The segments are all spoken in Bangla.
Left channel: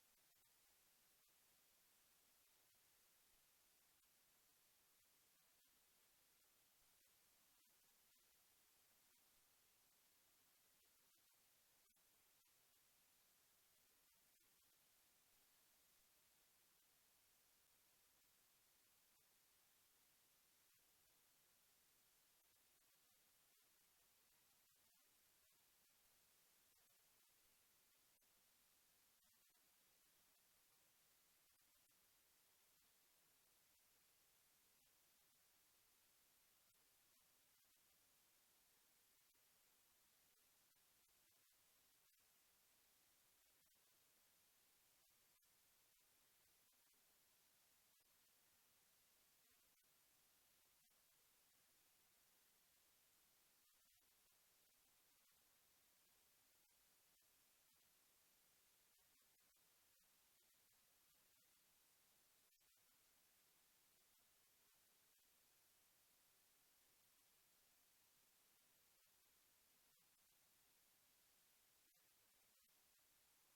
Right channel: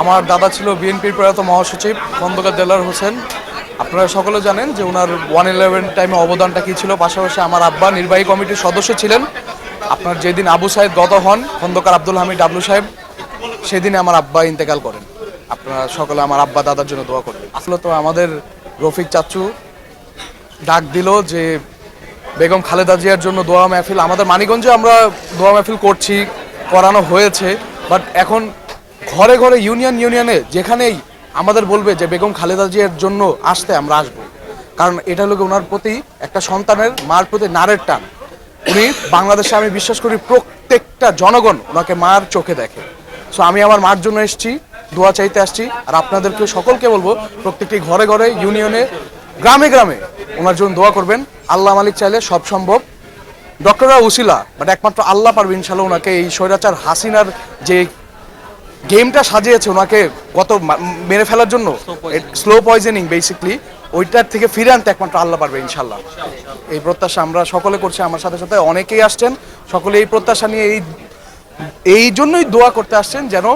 আমার দাদা ছিল বিএনপির প্রয়াত মহাসচিব খন্দকার দেলার হোসেন। আপনারা সকলে জানেন যে ওনার ওয়ান ইলেভেন টাইমে অবদানটা কী ছিল, পাশাপাশি আমার আব্বা নির্বাহী কমিটির সদস্য ছিলেন। আপনার যেদিন আবু সাহেব গত হন, খন্দকার আব্দুল হামিদ ডাবলু সাহেব সেদিনে আমার আব্বা ইন্তেকাল করেন। আপনারা সকলে আমার আব্বা দাদার জন্য দোয়া করবেন। আসলে তো আমাদের রফিক চাচু ডাক দিল যে বেগম খালেদা জিয়ার জন্য দোয়া মাহফিল। আমাদের মানিগঞ্জে আমরা দোয়া মাহফিল করছি, করানো হয়েছে, বাট এখন ঘরে ঘরে ইউনিয়ন ইউনিয়নে যেখানেই আমাদের বলবে যে বেগম খালেদা জিয়ার জন্য আসতে আমরা আসব। কারণ এটা হলো ওনার প্রতি একটা সন্তানের মার প্রতি নারের টান। উনি বাংলাদেশে আমি বিশ্বাস করি প্রত্যেকটা জনগণ ওনাকে মার চোখে দেখে। সো আমি আমার মার জন্য এসেছি, দোয়া চাইতে আসছি, আর আপনাদেরকে সকলকে বলব, প্রত্যেকটি ঘরে ঘরে ইউনিয়নে, গ্রামে গ্রামে ওনার জন্য দোয়া করবেন। আল্লাহ মালিক চাইলে সব সম্ভব। ডক্টররা উসিলা বাট একমাত্র আল্লাহ পারবে ইনশাল্লাহ ওনাকে এই স্বৈরাচার হাসিনার যে গেমটা সাজিয়েছে ওনাকে গত মা- মেরে ফেলার জন্য? স্লো পয়জনিং বেসিকলি ওইটার থেকে ফিরে আনতে একমাত্র আল্লাহ পারবে ইনশাল্লাহ এই প্রত্যাশা আমরা সকলে করছি। আমার সাথে সাথে অনেকেই আসছেন। সকলে এই প্রত্যাশা নিয়ে এই এই জন্যই দোয়া করতে আসছেন যেন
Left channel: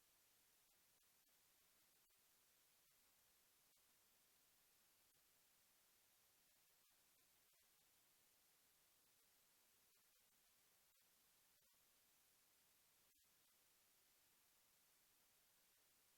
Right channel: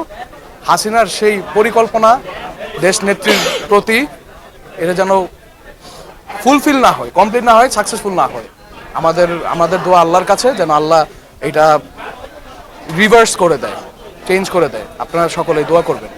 হাসিনার সেই পরিকল্পনা দেশ নেত্রীর প্রতি এটা যেন ফুলফিল না হয় কমপ্লিট না হয় সাকসেসফুল না হয়। আমাদের আমাদের দোয়া আল্লাহর কাছে যেন আল্লাহ এটা রিভার্স করে দেয়। চেঞ্জ করে দেয়। আপনারা সকলে দোয়া করবেন।